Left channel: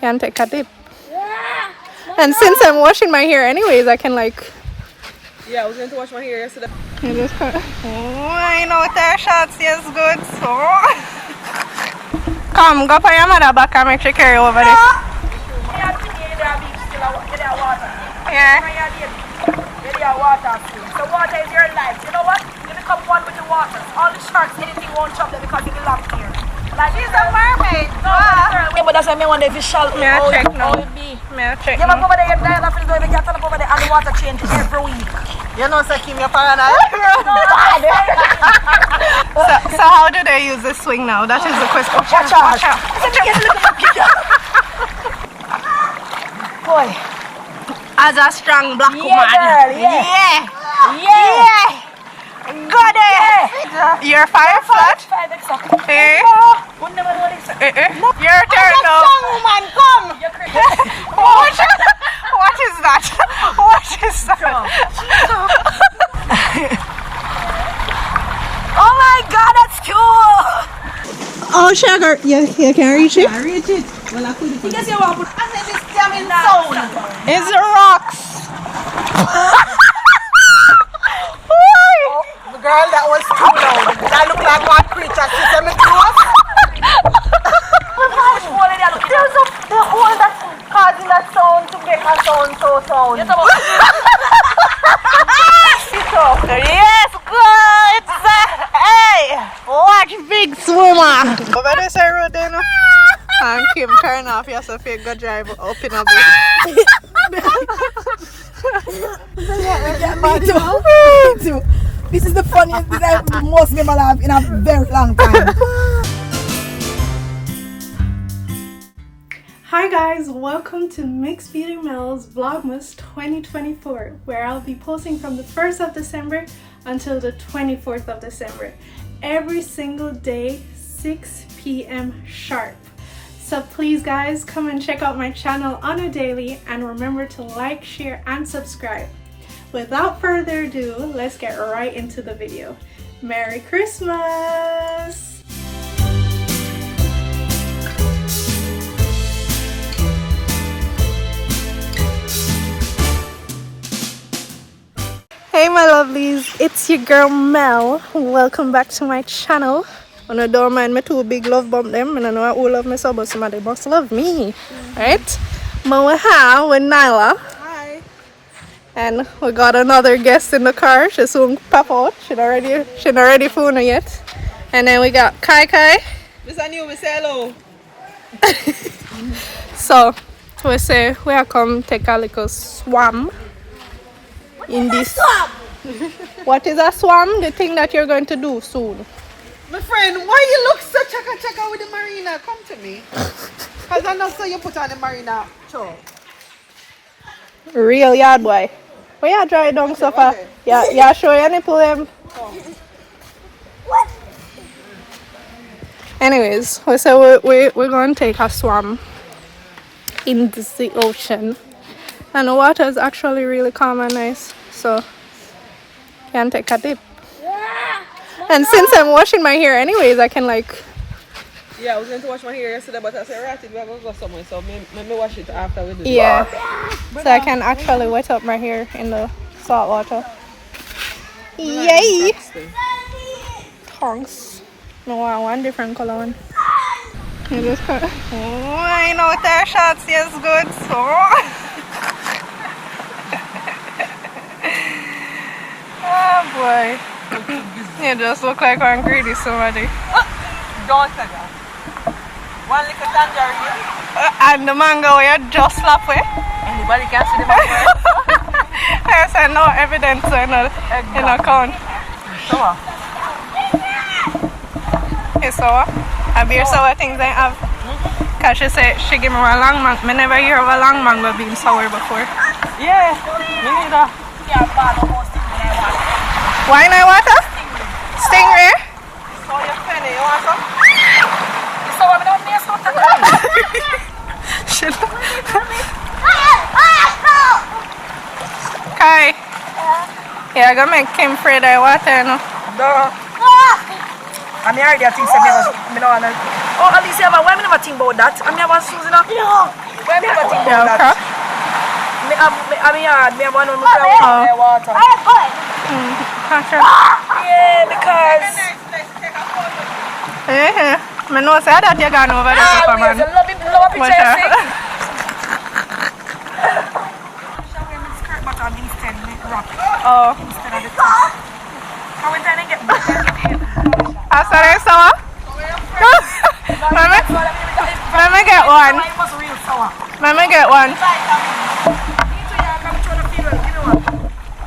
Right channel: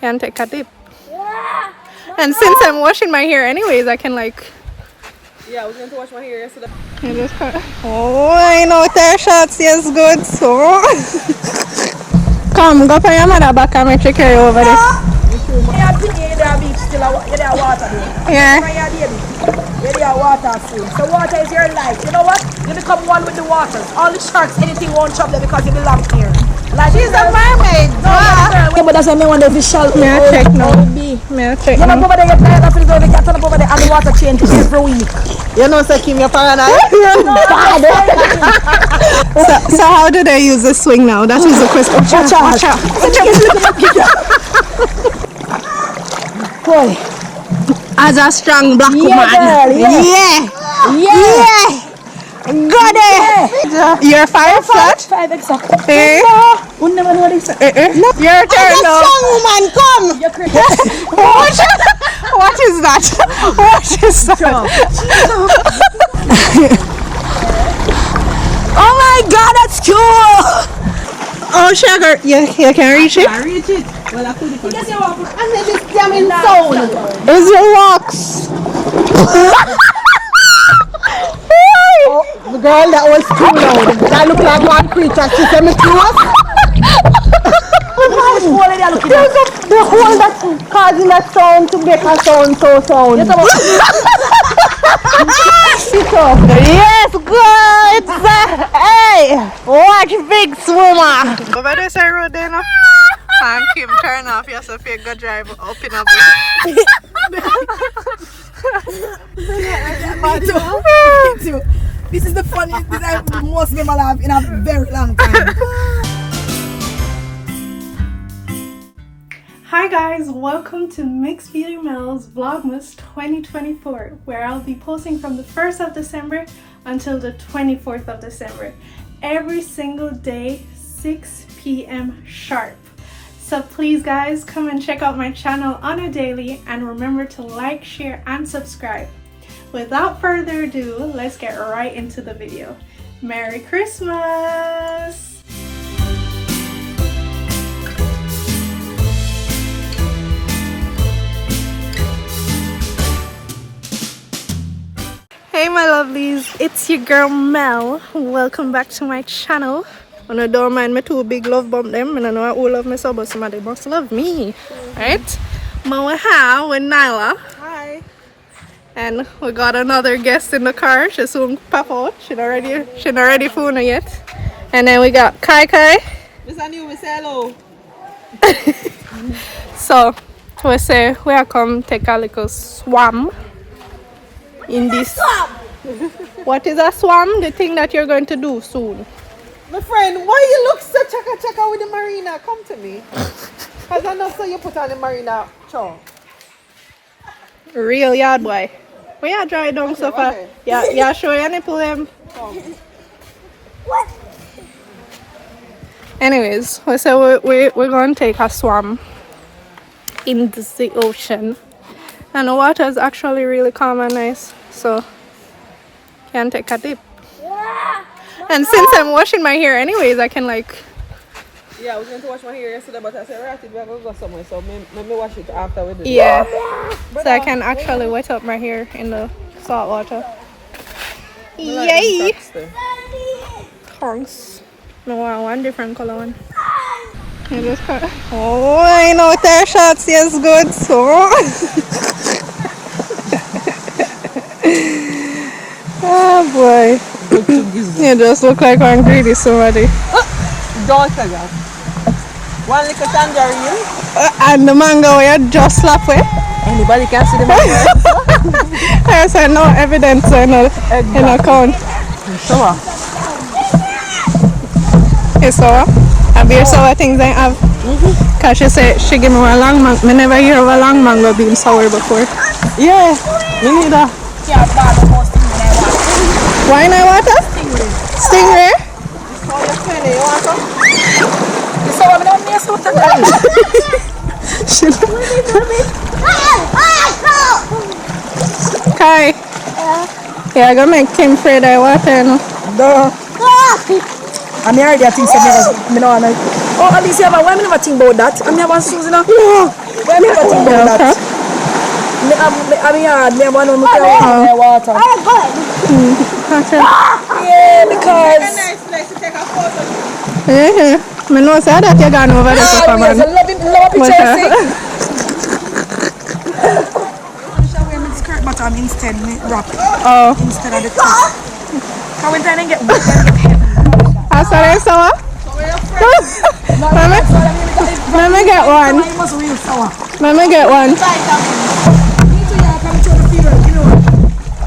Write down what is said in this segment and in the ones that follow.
Can take a dip. And since I'm washing my hair anyways, I can like... Yeah, I was going to wash my hair yesterday. I just oh, I know their shots, yes, good. So... Come, go for your mother back and make sure carry over there. Yeah. Water food. So water is your life. You know what? You become one with the waters. All the sharks, anything won't chop them because you belong here. Like she's a mermaid. Yeah, but that's why I wonder if it's shallow. May I check now? May I check now? You over there, you're tired of it, so you turn up over there and the water changes every week. You know, say Kim, you're paranoid. So how do they use the swing now? That is the question. Watch out. Boy. As a strong black woman. Girl, yeah. Got it. Yeah. You're 5 flat? 5 exactly. Eh? We'll never know this. No. Your turn now. Strong woman, come. You're crazy. What is that? What is that? Oh my God, that's cool. Oh, sugar. You can reach it? I reach it. Well, I couldn't. Because you walk and then this damn sound. Is it rocks? Oh, the girl that was too loud. That looked like one creature. She said me close. There's the hole that's causing that sound to make a sound so sound. Yes, good. Hey, watch big swimmer. Over this road there now. And Kim turn off yourself, you go drive up in a Me too. This is the funniest thing I've most memorable in a very long time. Hi guys, welcome to mixbeautymel's Vlogmas 2024, where I'll be posting from the 1st of December until the 24th of December, every single day, 6 p.m. sharp. So please guys, come and check out my channel on a daily and remember to like, share and subscribe. Without further ado, let's get right into the video. Merry Christmas! Hey my lovelies, it's your girl Mel. Welcome back to my channel. And I don't mind me too big love bump them, and I know I all love me so, but somebody must love me, right? But we're here with Nailah. Hi. And we got another guest in the car. She soon pop out. She not ready for her yet. And then we got Kai. This is new, we say hello. So we say we are come take a little swam in this. What is a swam? The thing that you're going to do soon. My friend, why you look so chaka with the marina? Come to me. Because I know so you put on the marina top. Real yard boy. Where you dry down so far? Yeah, show you nipple them. Anyways, we say we're going to take a swam in the ocean. And the water is actually really calm and nice. So, can take a dip. And since I'm washing my hair anyways, I can like... Yeah, I was going to wash my hair yesterday, but I said, right, we're going to go somewhere, so maybe wash it after we do it. Yeah, so I can actually wet up my hair in the salt water. Yay! Thanks. No, I want different color one. I just oh, I know their shots, yes, good, so... Oh boy. You just look like one greedy somebody. Don't say that. One little tangerine. And the mango you just slap with. Anybody can see the mango. I said no evidence in account. Sour. It's sour? Have your sour things I have? Because she said she gave me a long mango. I never hear of a long mango being sour before. Yeah, you need that. Why not water? Stingray. Kai. Yeah, I gotta make Kim afraid I water, no? No. I'm here, I think, me no wanna. Oh, at least you have a why me never think about that? I'm never Susan. Where me not think about that? I'm yard, me want to carry water. Yeah, because... It's a nice place to take a photo. Yeah, I know say that you gone over there for yes, man. love picture. Skirt bottom instead, wrap instead of the top. So when I get I saw that sour. Let me get one. Let me get one.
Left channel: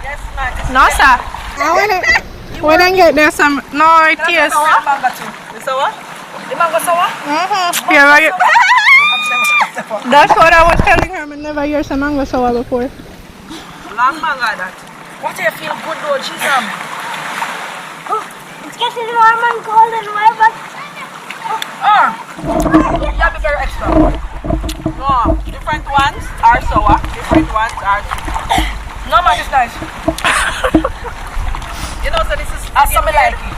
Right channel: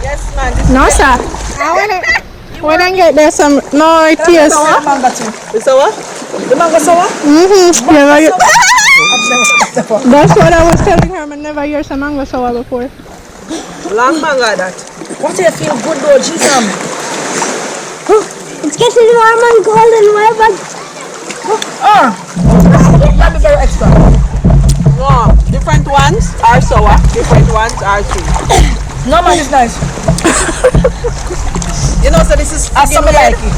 Yes, man. No, sir. We don't get there some no tears. The sour? The mango sour? Yeah, that's what I was telling her. I never hear some mango sour before. Long mango that. What do you feel good though, Jesus? It's getting warm and cold and wet, but That'd be very extra. No, different ones are sour, different ones are sweet. No man, it's nice. You know, so this is I something like it.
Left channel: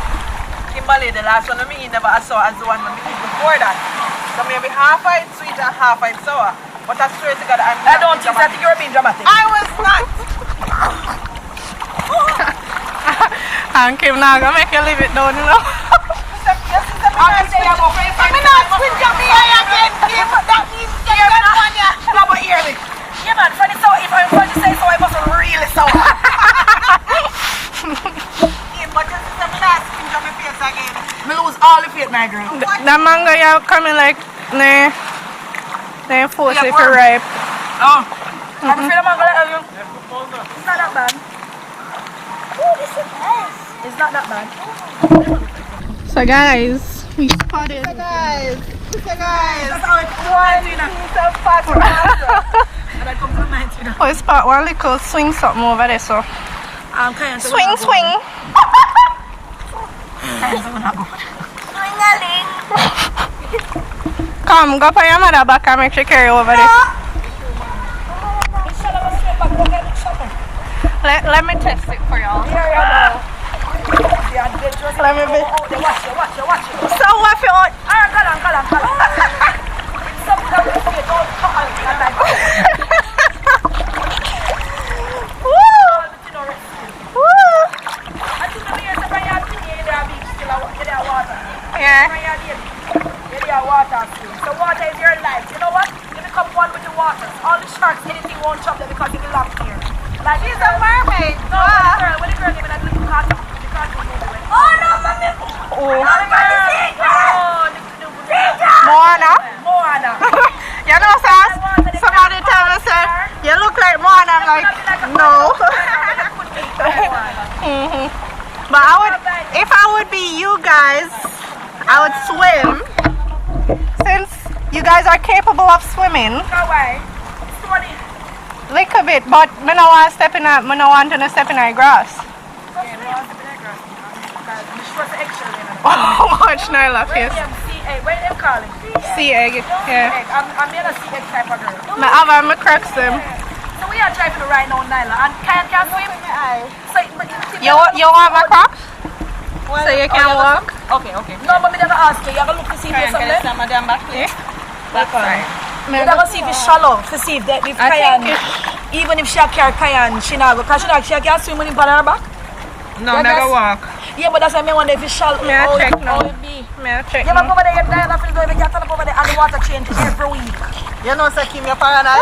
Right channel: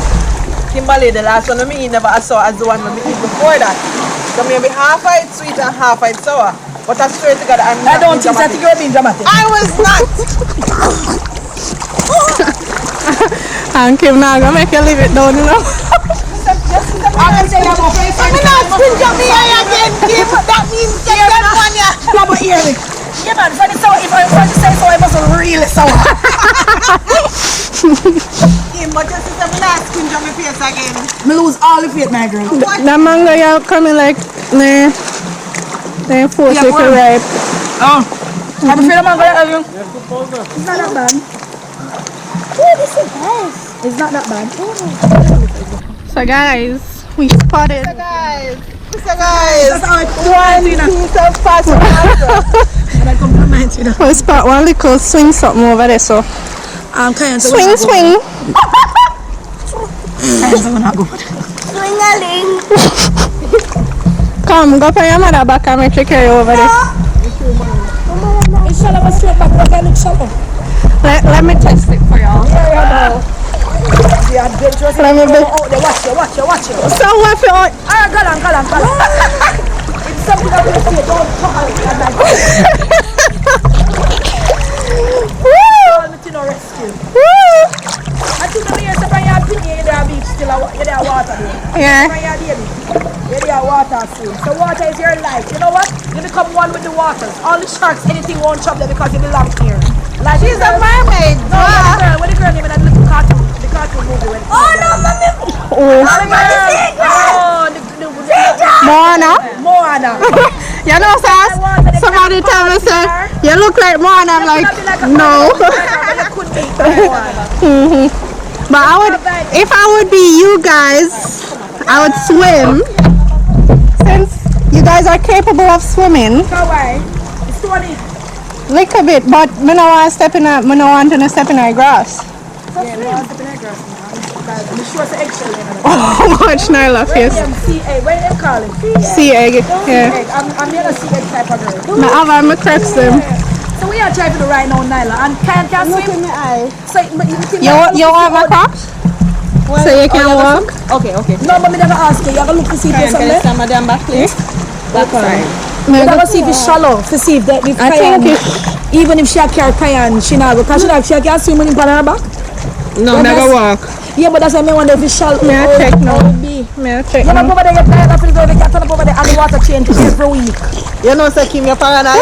Kimberly, the last one we eat never as sour as the one we eat before that. So maybe half of it sweet and half of it sour. But I swear to God, I'm not I don't think so. I think you're being dramatic. I was not. And Kim now gonna make you leave it down, you know. I'm not stingy me again, Kim. That means get that one, yeah. No, but hear me. Yeah, man, for the sour, if I'm trying to say so, I must really sour. Kim, but just as I'm not stingy my face again. Me lose all the faith, my girl. The mango you coming like nah. They force it to ripe. Oh. I'm afraid of mango. It's not that bad. oh, this is nice. It's not that bad. So guys, we spotted. Guys, That's how I one piece of pasta. And I come from 19. We spot one little swing something over there. So I'm kind of swing, swing. Swing-a-ling. Come, go for your mother back and make you carry over there. Inshallah, I'm straight back. But I look shallow. Let me test it for y'all. Yeah, adventurous. Let me be. Oh, they watch you. So what if you want? Ah, go on. It's something that you say. Don't come out and like Woo! no rescue. Woo! I think the years when you're in the beach, still there water there. Yeah. When you're baby, there water soon. So water is your life. You know what? You become one with the waters. All the sharks, anything won't chop them because you belong here. Like She's a mermaid. No, when the girl name in that little cartoon, the cartoon movie. When Moana. You know, Sass? Somebody tell me, say, you look like Moana. I'm like, no. But I would, if I would be you guys, I would swim. Since you guys are capable of swimming. It's funny. Little bit, but I don't want to step in a, I don't want to step in a grass. Yeah, no, I'm stepping in grass. I'm sure it's eggshell. How much Nailah face? CA, where them calling? Sea egg, yeah. I'm in a sea egg type of girl. I have my cracks them. So we are driving to right now, Nailah, and can't swim. Look in my eye. So, You want my crocs? Well, So you can walk? Okay. no, but me never ask you. You have to look to see if there's Can you something. stand madam back, please? Back side. You have to see if it's shallow, to see if that if I think Kayan, even if she carry Kayan, she not go. Because she can't swim when in her back. No, I'm that's- gonna walk. Yeah, but that's why I wonder if it's shallow. May I check now? How it be. May I check Yeah, but now? over there, you have to go over there and the water change every week. You know, say Kim, you're paranoid.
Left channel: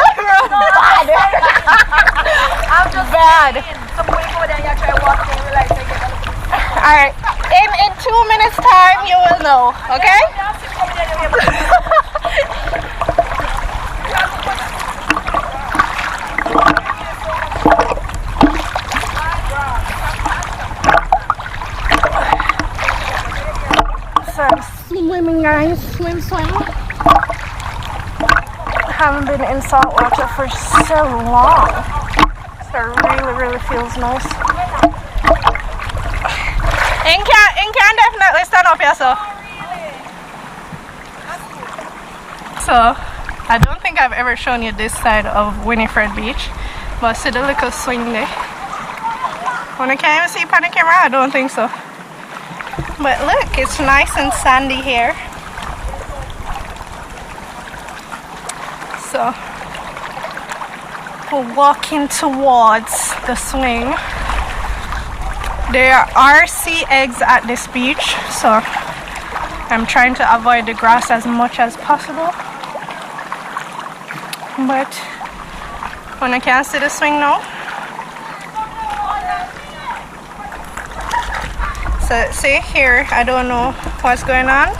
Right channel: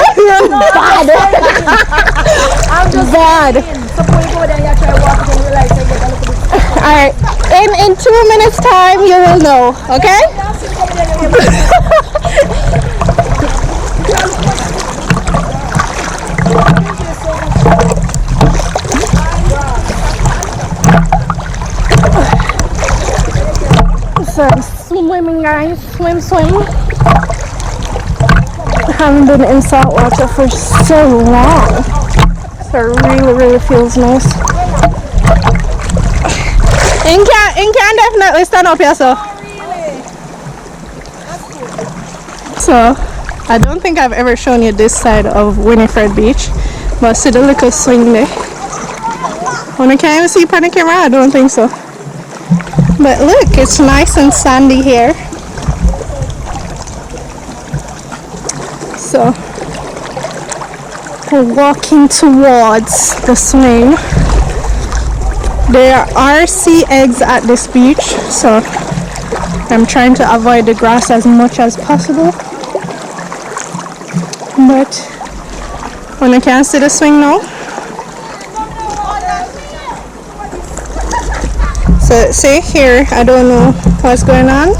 I'm just Bad. saying. So when you go over there and you try walk, then you realize you get a little bit. Alright, in 2 minutes time you will know, okay? So I'm swimming, guys, swim. I haven't been in salt water for so long. So it really feels nice. And can definitely stand up here, so I don't think I've ever shown you this side of Winifred Beach, but see the little swing there. When I can't even see it on the camera, I don't think so. But look, it's nice and sandy here. So we're walking towards the swing. There are sea eggs at this beach, so I'm trying to avoid the grass as much as possible. But when I can't see the swing now, so see here, I don't know what's going on.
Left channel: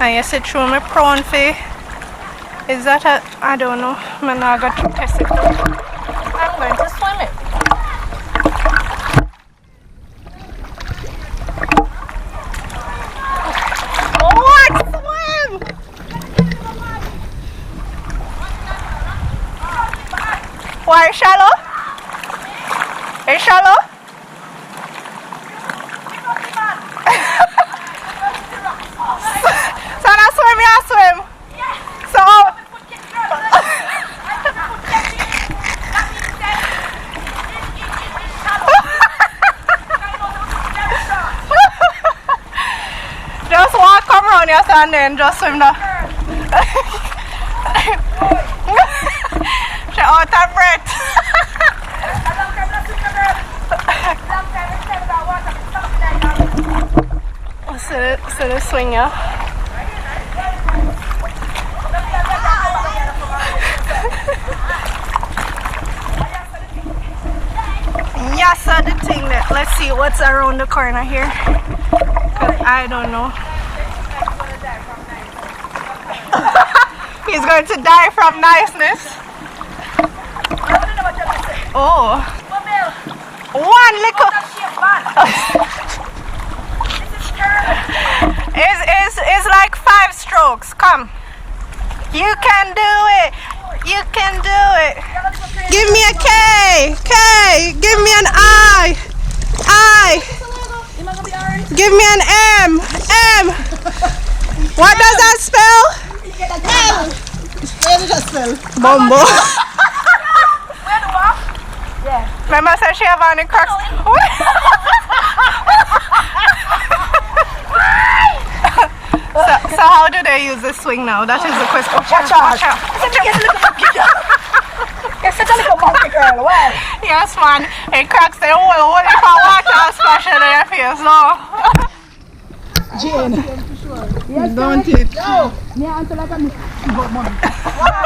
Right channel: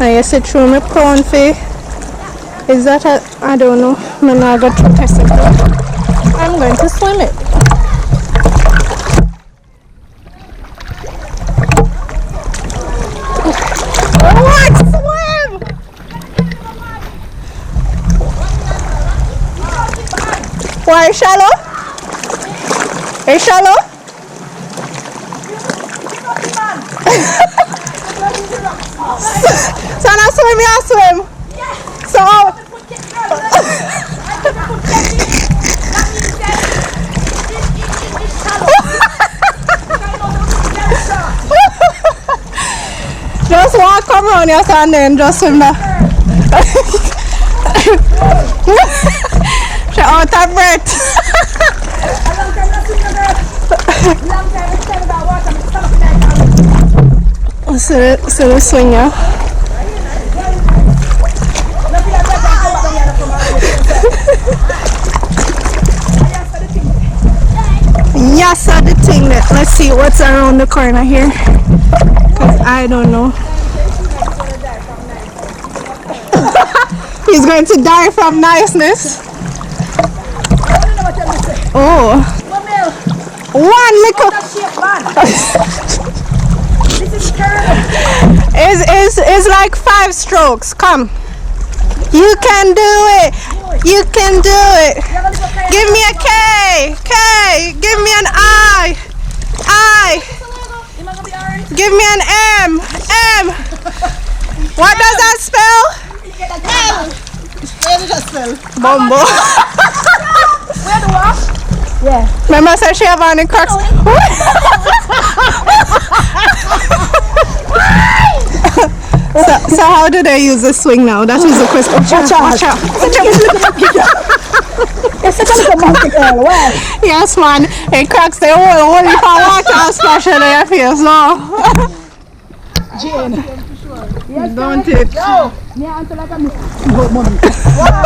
I see through my prawn face. Is that I don't know. I'm not going to test it now. I'm going to swim it. What? Swim! Why shallow? It's shallow? So now swim, you swim. So just walk come around your and then just swim there. She's out of breath. So the swing, yeah. Yes, I the thing that let's see what's around the corner here. Cause I don't know. He's going to die from niceness. Oh. One little. It's like 5 strokes. Come. You can do it. You can do it. Give me a K. K. Give me an I. I. Give me an M. M. What does that spell? Where did that spell? Bumbo. Where the what? Yeah. Remember said she have on the cracks. So how do they use the swing now? That is the question. Watch out. Watch out. You're such a little monkey girl. Why? Yes, man. It cracks the whole if I water and splash in their face now. Jane. Yes, don't it? No. Me answer like a mommy. What?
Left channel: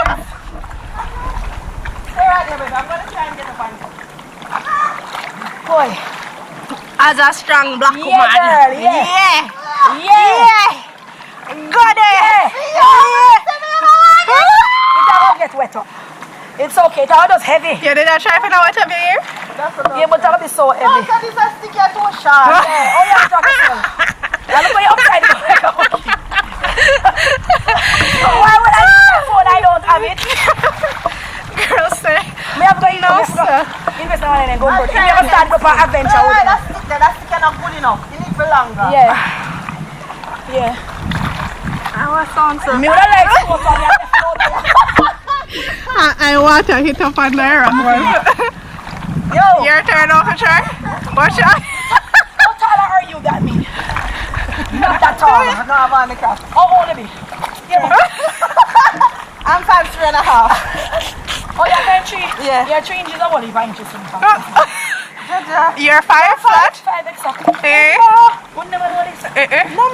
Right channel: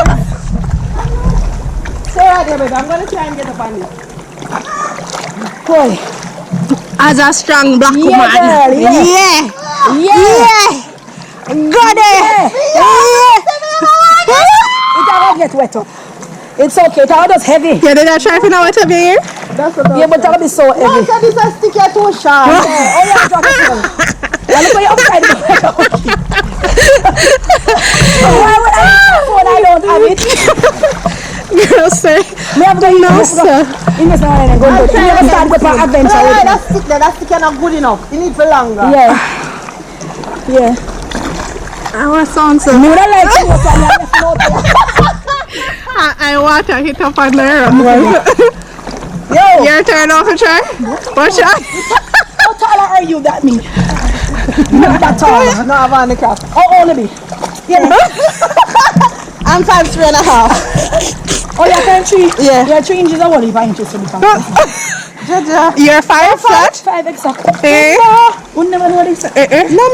Stay right there, baby. I'm going to try and get up on this. Boy. As a strong black woman. Girl, yeah. Got it. Yeah. It will get wet up. It's okay. It will just heavy. Yeah, did I try to know what to be here? That's what Yeah, but it will be so heavy. No, so this is sticky too sharp. Oh, yeah, drop it down. Now look where you're upside down. Why would I have phone? I don't have it. Girl, say. Me have to no, sir. Invest now and go. You never start with my adventure. No, that stick there. That stick is not good enough. You need for longer. Yeah. Yeah. I want some, sir. Me don't like to walk on I water hit up on there. Yo. Your turn off a try. Watch out. How tall are you that me? Not that tall. No, I'm on the craft. Oh, only me. Yeah. I'm 5'3.5". Oh, you're 5'3"? Yeah. You're 3 inches or what? 5 inches to be fine. You're 5 flat? 5 exactly. Eh? Wouldn't never know what they say. No,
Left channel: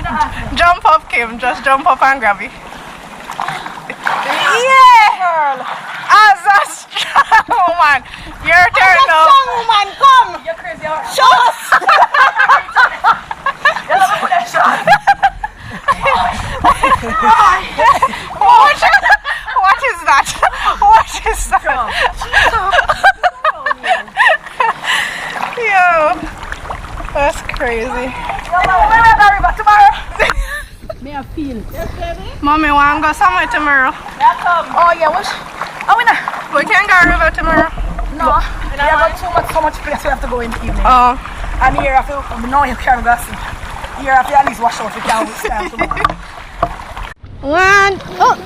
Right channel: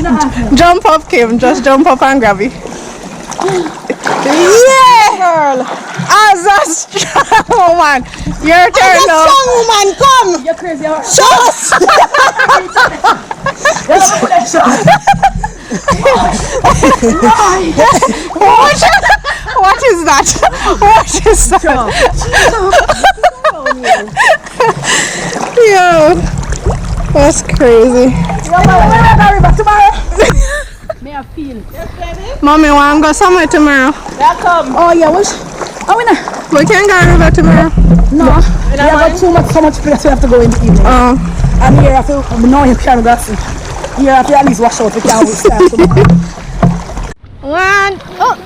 No. Jump up, Kim. Just jump up and grab it. Yeah! Girl. As a strong woman. Your turn now. Strong woman, come. You're crazy. Just. What is that? What is that? Yo, that's crazy. Tomorrow. May I feel? Mommy, want to go somewhere tomorrow? Oh yeah, which? Oh, we know. We can't go river tomorrow. No, we have got so much place we have to go in the evening. Oh. And here I feel no you can't go see. Here I feel at least wash out. We can't start tomorrow. One. Oh.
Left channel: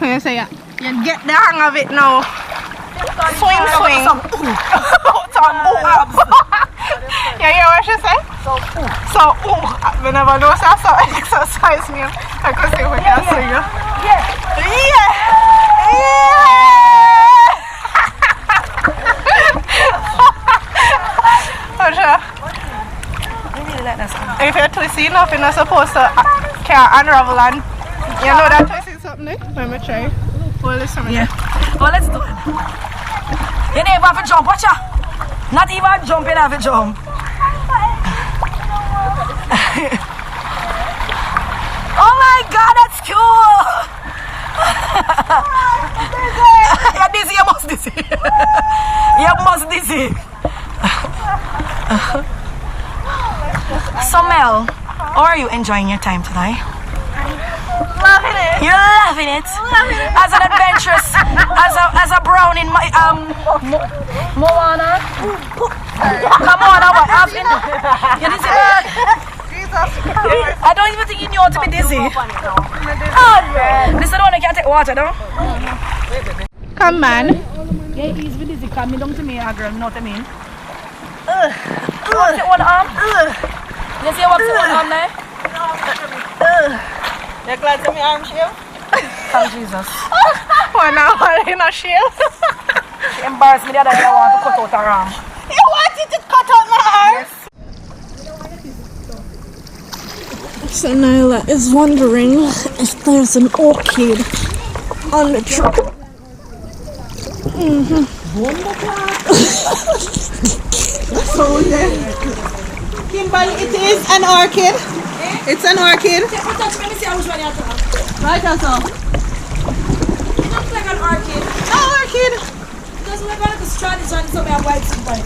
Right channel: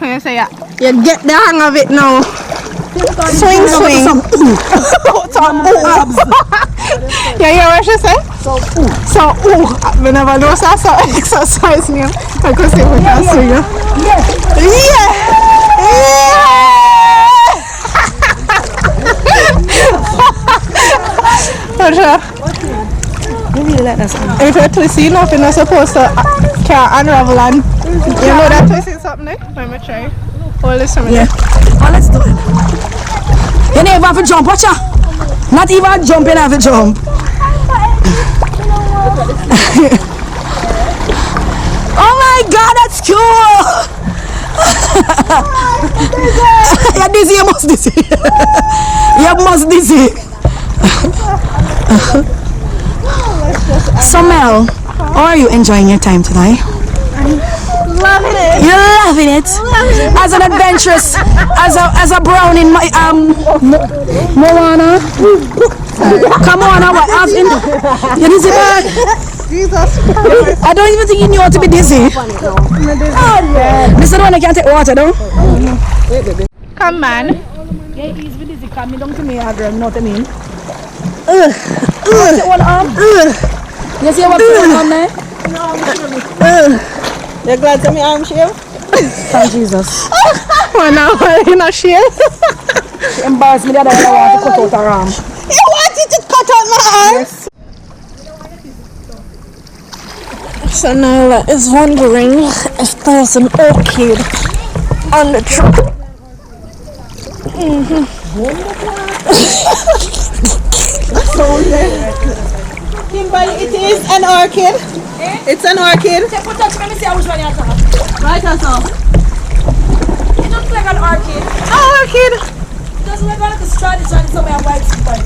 I say yeah. You get the hang of it now. Swing. You hear what she say? So, we never know so exercise name. I could see we can swing you. If you're twisting enough, you're not supposed to can't unravel and you know that twisting something there? Let me try. Hold this for me. Yeah. Oh, let's do it. You never have to jump, watch out. Not even jumping, have to jump. Oh my God, that's cool. You're dizzy, you must dizzy. You must dizzy. So Mel, how are you enjoying your time today? Loving it. You're loving it. As an adventurous, as a brown in my Moana. Come on, what happened? You dizzy man? Jesus Christ. I don't even think you knew how to be dizzy. This is the one I can't take water though. Come man. Yeah, he's been dizzy. Come down to me, girl. You know what I mean? Take one arm. You see what's going on there? You're glad to me arm shave? Thank Jesus. Well, now you're not sure. She embarrassed me the other day. I want to cut out her arm. You wanted to cut out my arm? Yes. So Nailah is wondering if there's an orchid on the tree. Kimberly, it is an orchid. It's an orchid. Take one touch, let me see which one you have. Right also. It looks like an orchid. Orchid. Because we're going to try this one, so we have white spot.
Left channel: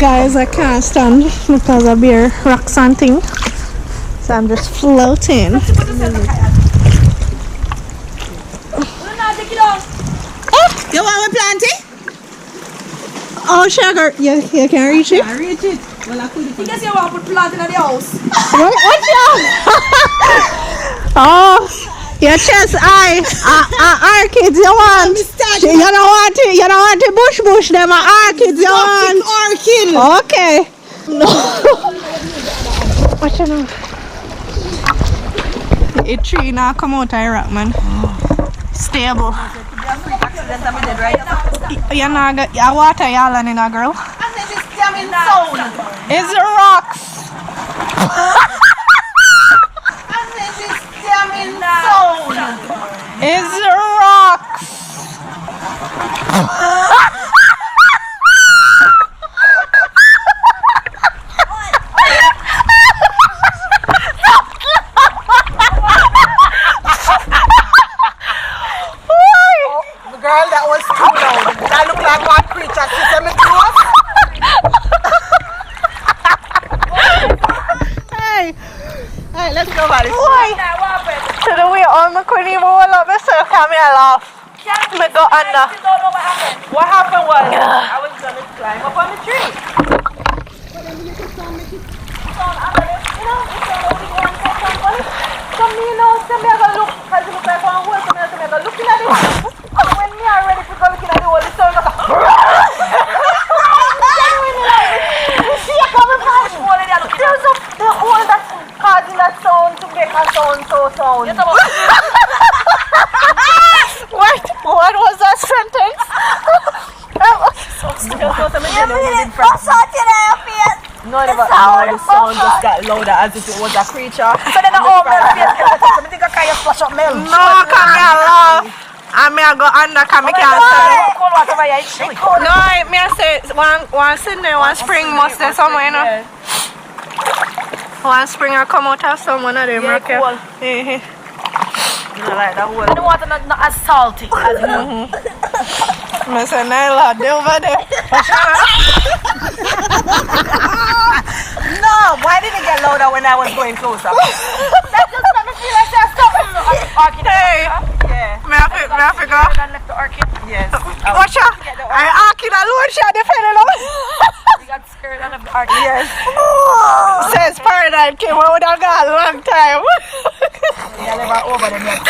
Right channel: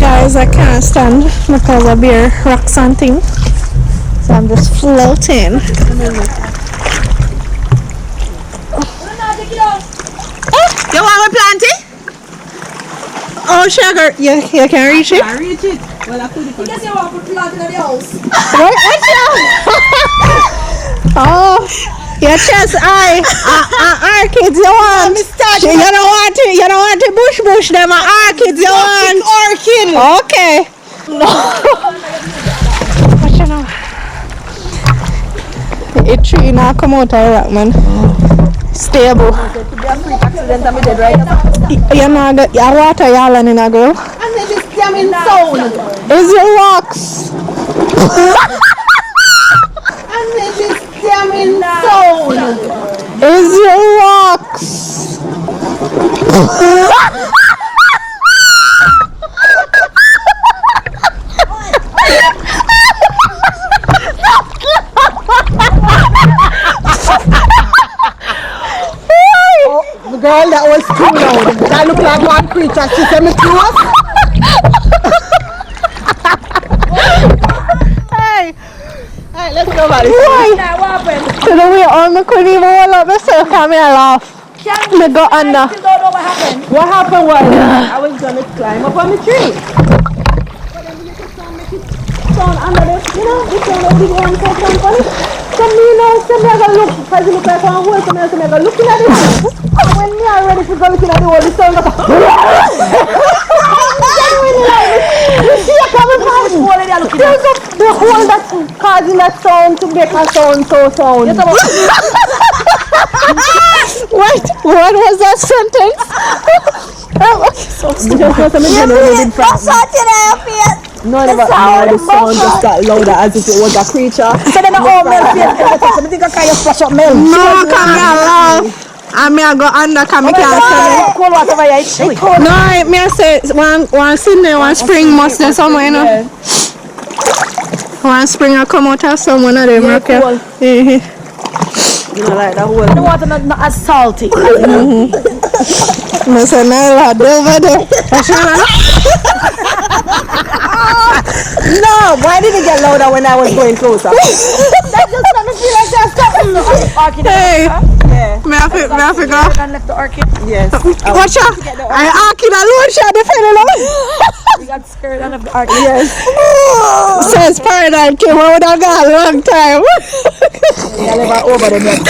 Guys, I can't stand because of beer rocks and things. So I'm just floating. You want me planting? Oh, sugar, you can reach it? I reach it. Well, I could Because you want to put plant in the house. What? Watch out! Oh, your chest eye. Orchids you want. You don't want to bush them. Orchids you want. Orchid. Okay. No. Watch out now. A tree now come out of rock, man. Stable. You know, your water y'all in a girl. And then this jamming sound. Is it rocks? And then this jamming sound. Is it rocks? Girl, that was too loud. That look like one creature. She said me close. Hey, Alright, let's go about it. Now, what happened? so then we all couldn't even hold up myself. Come here, laugh. Me go under. I still don't know what happened. What happened was I was gonna climb up on the tree. But then we make a sound, make it sound under the, you know, it sound like we go on so sound funny. So me now, so me I go look, because it look like one hole, so me I go looking at it. And when me are ready to go looking at the hole, the sound goes the hole that's causing that sound to make a sound so sound. What was that sentence? No, the sound just got louder as if it was a creature. So then the whole milk face, I think I kind of flush up milk. No, come here, laugh. I may go under, come here, can't say Cold water over here, it's chilly. no, I may say one Sydney, one spring must there somewhere, you know. Yeah. One spring will come out of someone of them, Yeah, okay? cool. Yeah. You know, like that whole. The water not as salty. I say, Nailah, over there. No, why did it get louder when I was going closer? That just made me feel like there's something. Orchid. Hey, Yeah. may I go? And left the orchid. Yes. Watch out. I arcade alone, shot the fellow. We got scared and left the orchid. Yes. Says Paradise came out with a guy a long time. I never over them yet.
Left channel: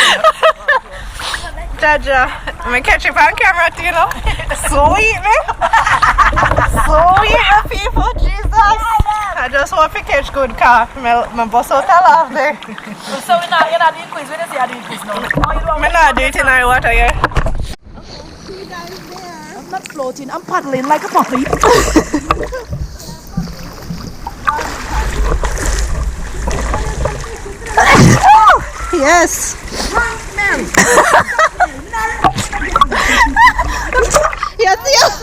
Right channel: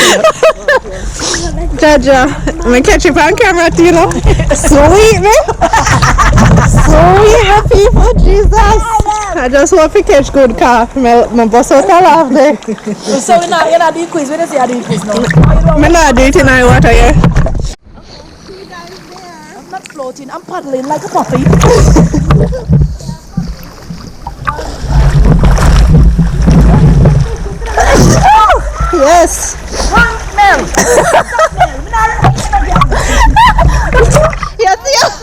Jaja, I'm catch you on camera too, you know. Sweet, man. Oh, yeah, people, Jesus. I just want to catch good car. My boss out laugh there. So you're not doing quiz. When you say you're doing quiz now? I'm not doing it in my water here. I'm not floating. I'm paddling like a puppy. Yes. Mel. Yes, yes.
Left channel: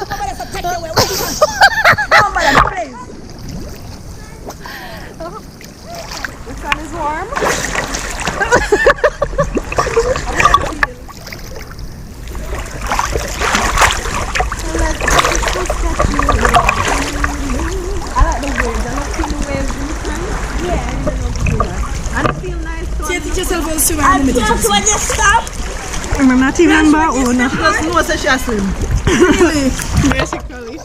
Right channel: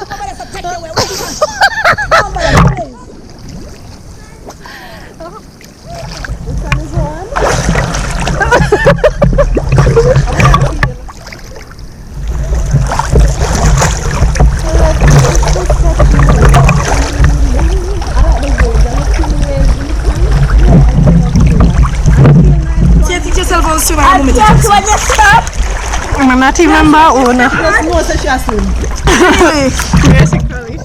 The sun is warm. Teach yourself how to swim. I just want to stop. I'm not even about one. No, so she has swim. Basically.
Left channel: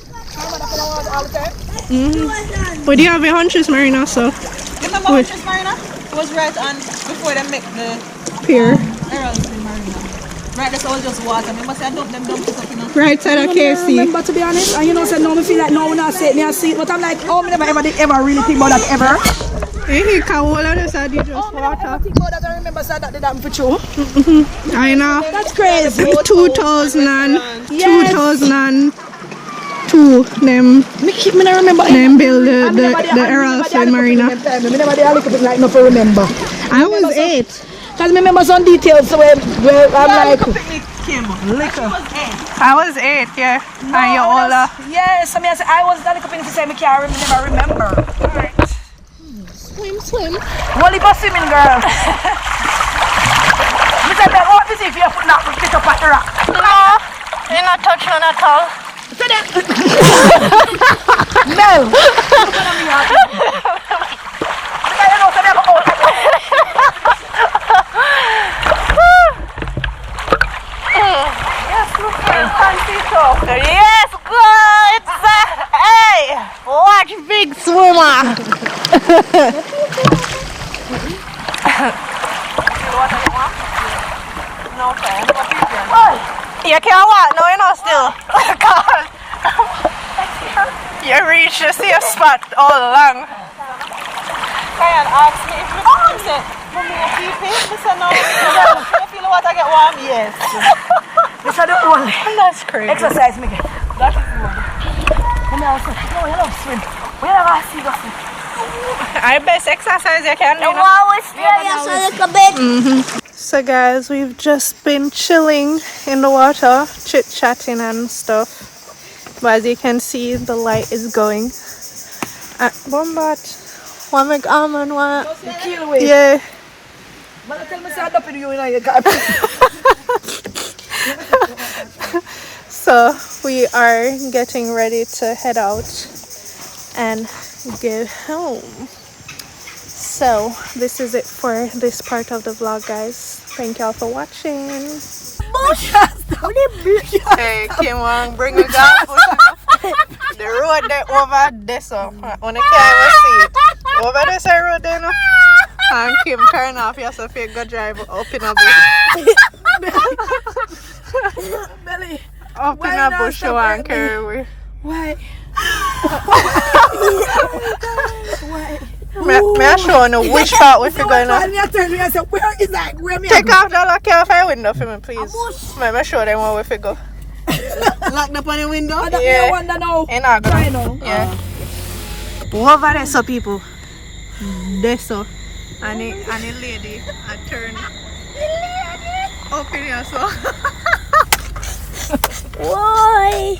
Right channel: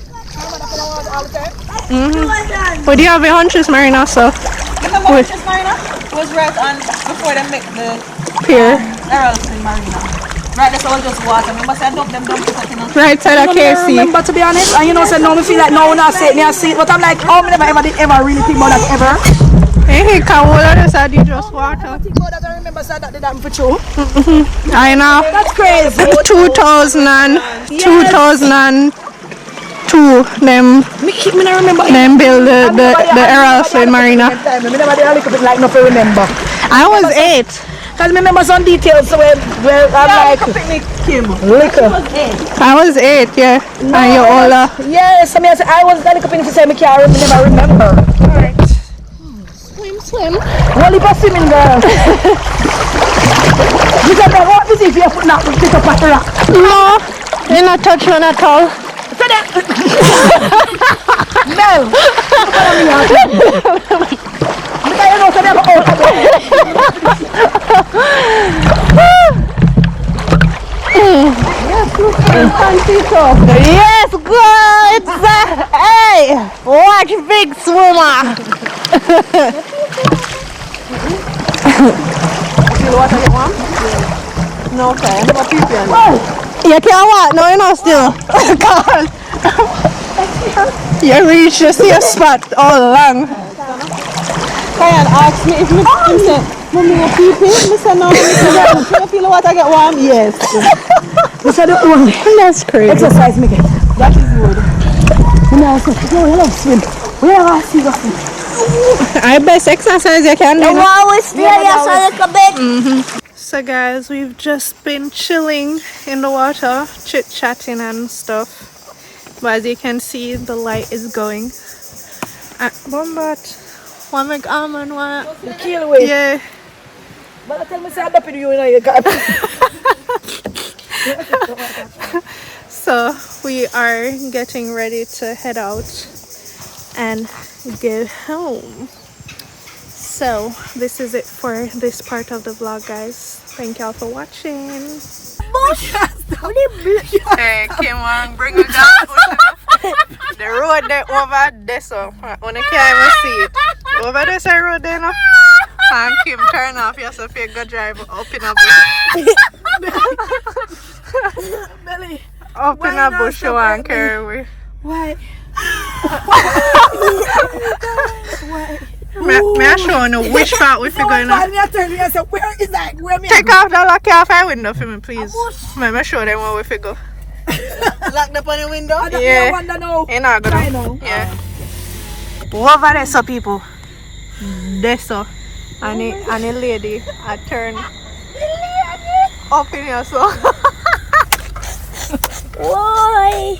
But do you have a hunches, Marina? So. Remember Huntress Marina? It was right on before they make the Pier. Errol's Marina. Right, that's all just water. Remember, say I dump them down to something else. Right side of I KC. remember, to be honest, and you know, say no, me feel like no one has said me, I see it, but I'm like, oh, me never ever really think about that ever. Hey, can all of this are just I water. think about that. I remember said that did happen for true. I know. That's crazy. 2002, them Me not remember. build the Errol's Marina. Me never did a little bit like no to remember. I was 8. Cause me remember some details where I'm like Picnic Kim. liquor. I was 8, yeah. And you're older. Yes, I mean I was a little bit to say me can't never remember. Swim. One leap of swimming, girl. You said that what is if you put not pick up at the rock? No, they not touch one at all. So that Mel. Because you know so they have out Yes, good. Hey, watch big swimmer. No, okay. I'm not peeping. You can't walk. No, you're not still. God. You reach the same spot all along. Kyan asked me if me say, Mommy, you peeping? I said, no. I said, you feel the water get warm? Yes. this are the only That's crazy. exercise me get. That is good. You know, I said, no, you love swim. We never see you swim. I best exercise you can do. I'm always serious a little bit. So guys, we've just been chilling in the water, chit-chatting and stuff. But as you can see, the light is going. Bombat. One make almond one. Kill away. Yeah. But I tell me say I dump you know you got. So we are getting ready to head out and get home. So this is it for this part of the vlog, guys. Thank y'all for watching. Hey, Kim, bring it down. The road there over there, so when you can't even see it. Over there's a road there now. And Kim, turn off yourself, you go drive up in a bush. Belly. Up in a bush, you want to carry away. Why? Why? May I show you which part we figure going on? Me I turn me and say, where is that? Where me? Take off the lock off our window for me, please. May I show them where we figure. Locked up on the window? I don't Yeah. wonder now. Ain't not I gonna. know. Yeah. Over there, so people. There, so. And a lady, I turn up in here, so. Why?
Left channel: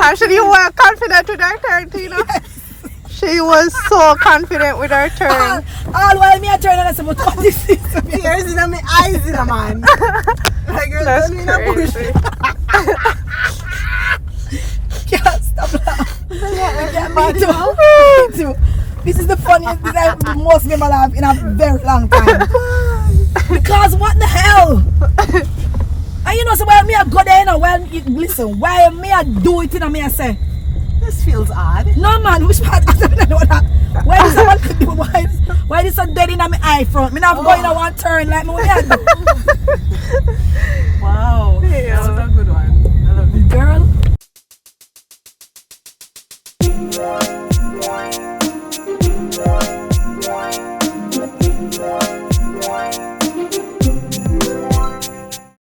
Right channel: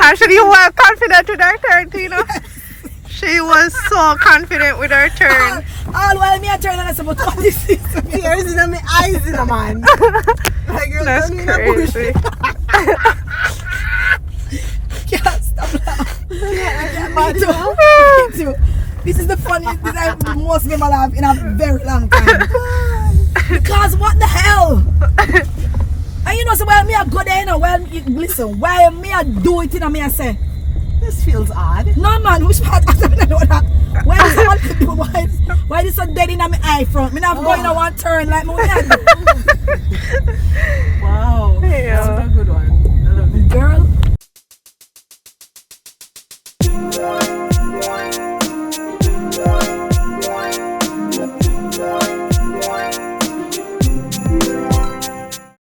Actually, you were confident with her turn, Tina. She was so confident with her turn. All while me I turn and I say, but what this is? Tears in my eyes, in a man. Like, girl, That's don't need a bush. crazy. Can't stop laughing. Me too. This is the funniest thing I've most never laughed in a very long time. Because what the hell? And you know, so while me I go there, you know, while listen, while me I do it, you know, me I say, This feels odd. no man, which part? I don't know that. Why this one do? Why this so dead in my eye front? Me not going on one turn like me. Wow. Yeah. That's a good one. I love it. Girl. Bye.